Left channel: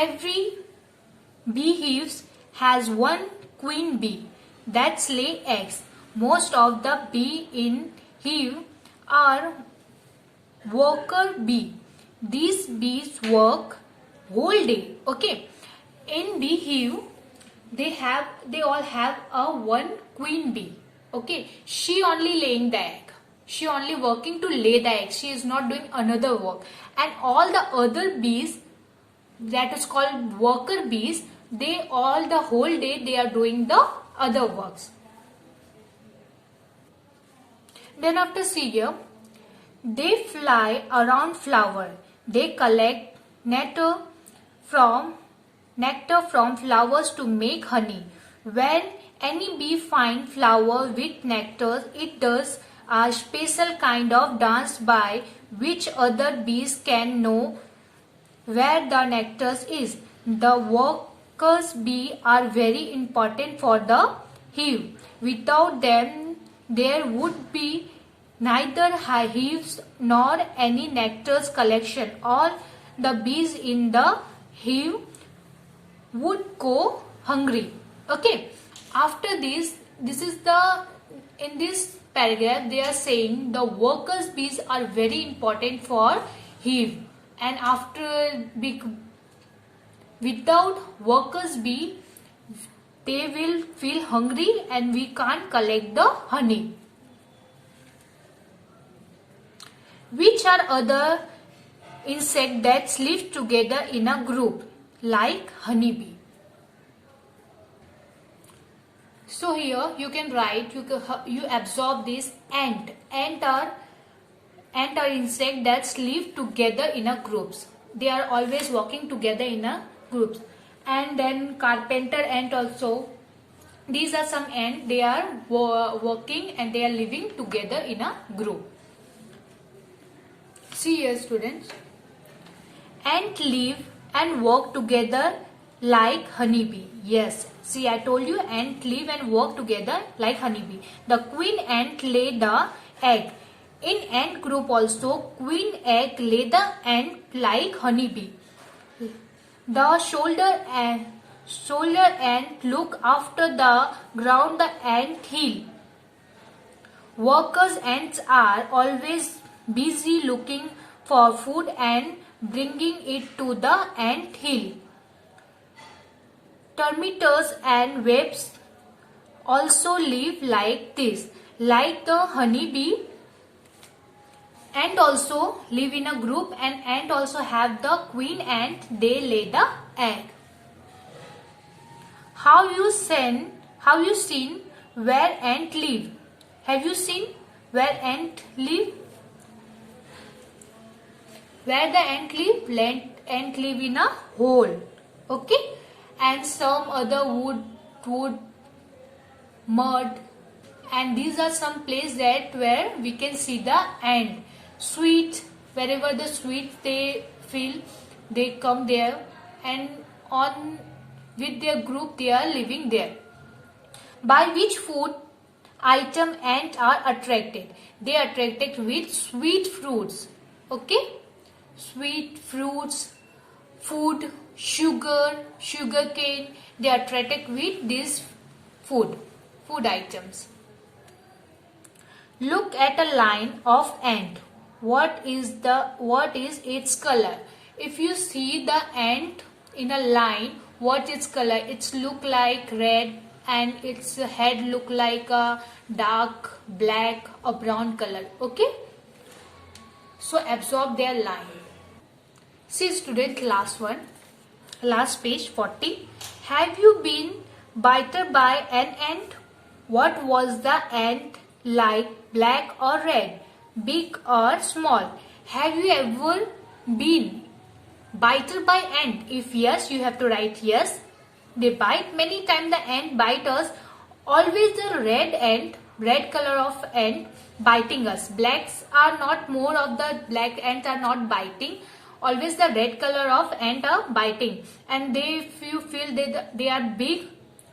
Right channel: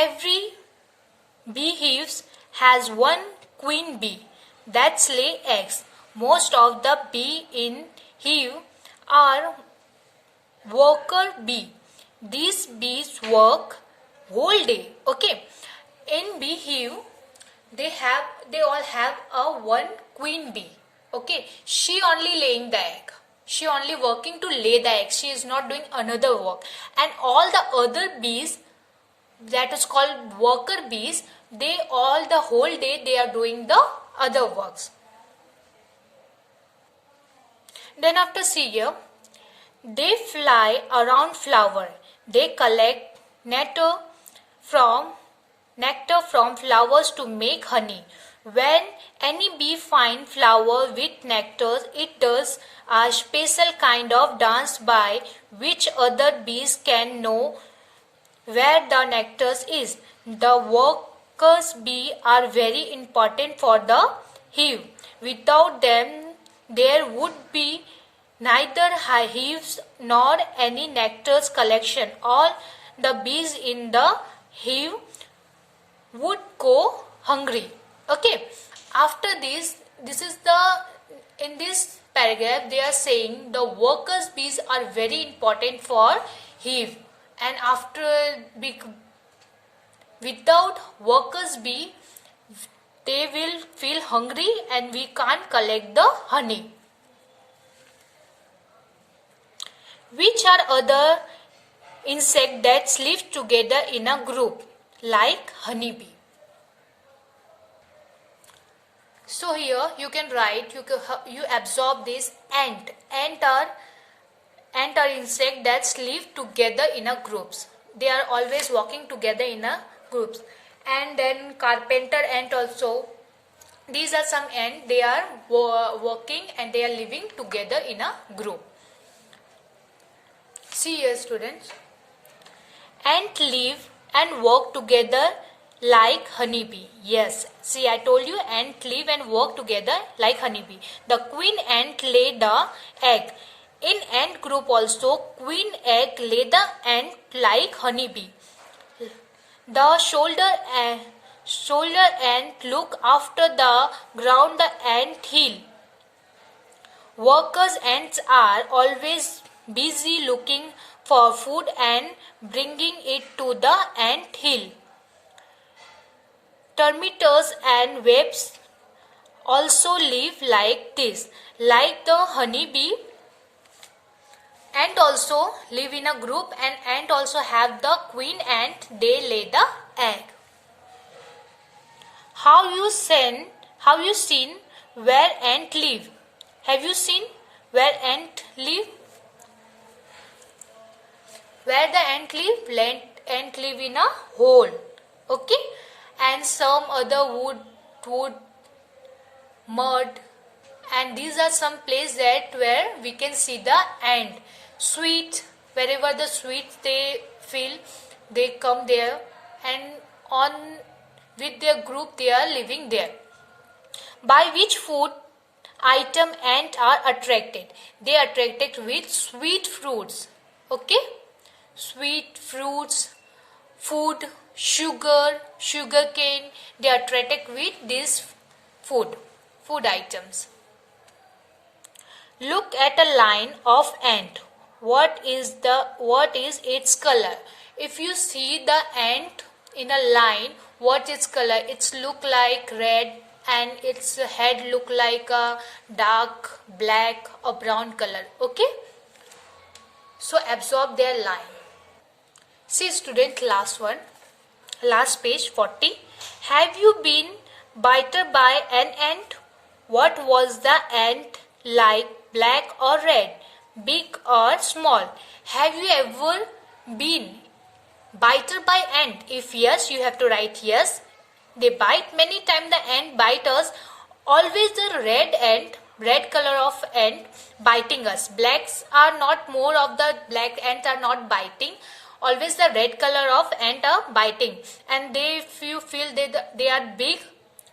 Every beehive has one queen bee that lay eggs. Most of the bee in hive are worker bee. These bees work whole day. Okay, in beehive they all have a one queen bee. Okay, she only laying the egg. She only working to lay the egg. She is not doing another work. And all the other bees, that is called worker bees, they all the whole day they are doing the other works. Then after see here, they fly around flower. They collect from flowers to make honey. When any bee find flower with nectar, it does a special kind of dance by which other bees can know where the nectar is. The workers bee are very important for the hive. Without them, there would be neither hives nor any nectar collection. All the bees in the hive would go hungry. Okay, after this is the, in this paragraph they are saying the workers bees are very important for hive, and after without workers bee they will feel hungry and we can't collect the honey. Which are other insects that live together in a group like honeybee? So here you can write, you absorb this ant. Ant are insect that live together in a groups. They are always walking together in a groups. And then carpenter ant also. These are some ant. They are working and they are living together in a group. See here students. Ant live and work together like honeybee. Yes, see I told you ant live and work together like honeybee. The queen ant lay the egg. In ant group also queen egg lay the ant like honeybee. The shoulder ant look after the ground the ant hill. Workers ants are always busy looking for food and bringing it to the ant hill. Termites and wasps also live like this, like the honeybee. Ant also live in a group, and ant also have the queen ant. They lay the egg. Have you seen where ant live? Have you seen where ant live? Where the ant live? Ant live in a hole. Okay, and some other wood, mud, and these are some places that where we can see the ant. Sweet, wherever the sweets they feel, they come there, and on with their group they are living there. By which food item ants are attracted? They are attracted with sweet fruits. Okay, sweet fruits, food, sugar cane. They are attracted with these food items. Look at a line of ant. What is its color? If you see the ant in a line, what is color? It's look like red and its head look like a dark black or brown color. Okay, so absorb their line. See student, last page 40. Have you been bitten by an ant? What was the ant like, black or red, big or small? Have you ever been bitten by ant? If yes, you have to write yes. They bite many times. The ant bite us. Always the red color of ant biting us. Blacks are not, more of the black ants are not biting. Always the red color of ant are biting. And they, if you feel they are big,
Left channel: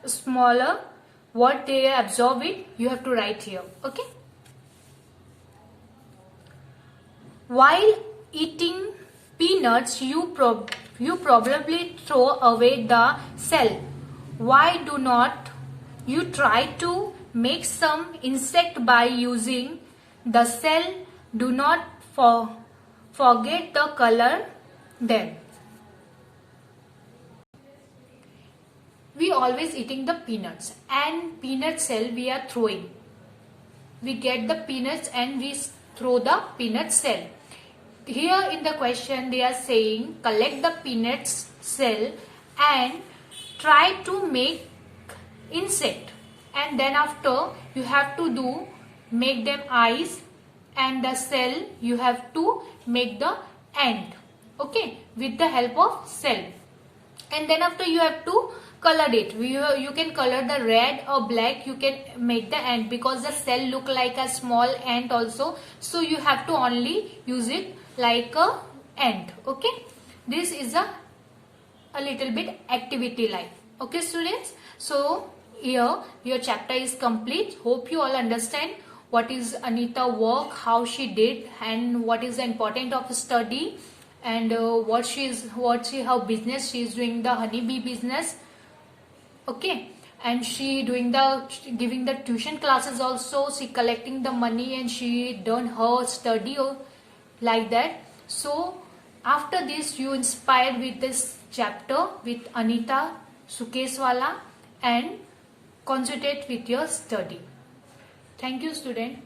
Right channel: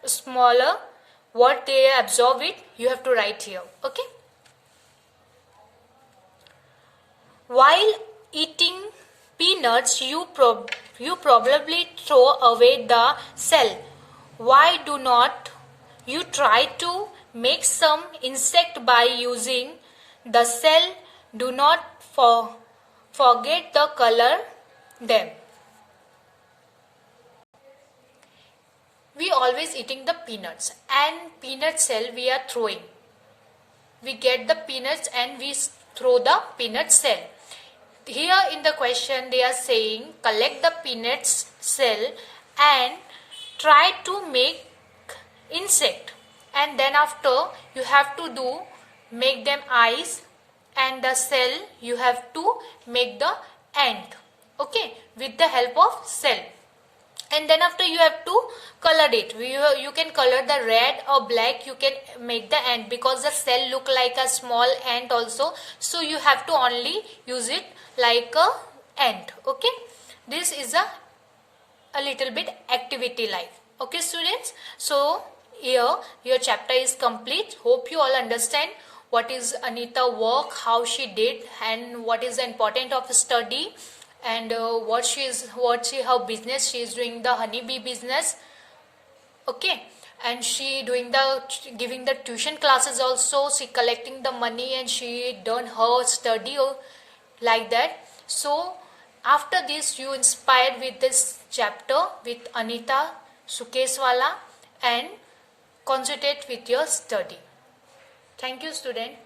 smaller, what they absorb it, you have to write here. Okay. While eating peanut peanuts, you probably throw away the shell. Why do not you try to make some insect by using the shell? Do not forget the color them. We always eating the peanuts, and peanut shell we are throwing. We get the peanuts and we throw the peanut shell. Here in the question they are saying collect the peanuts shell and try to make insect, and then after you have to do make them eyes, and the shell you have to make the ant, okay, with the help of shell. And then after you have to color it. You can color the red or black. You can make the ant because the shell look like a small ant also, so you have to only use it like a ant. Okay, this is a little bit activity life. Okay students, so here your chapter is complete. Hope you all understand what is Anita work, how she did, and what is the importance of study, and her business. She is doing the honeybee business, okay, and she doing the giving the tuition classes also. She collecting the money and she done her study like that. So after this you inspired with this chapter with Anita Sukeswala and concentrate with your study. Thank you student.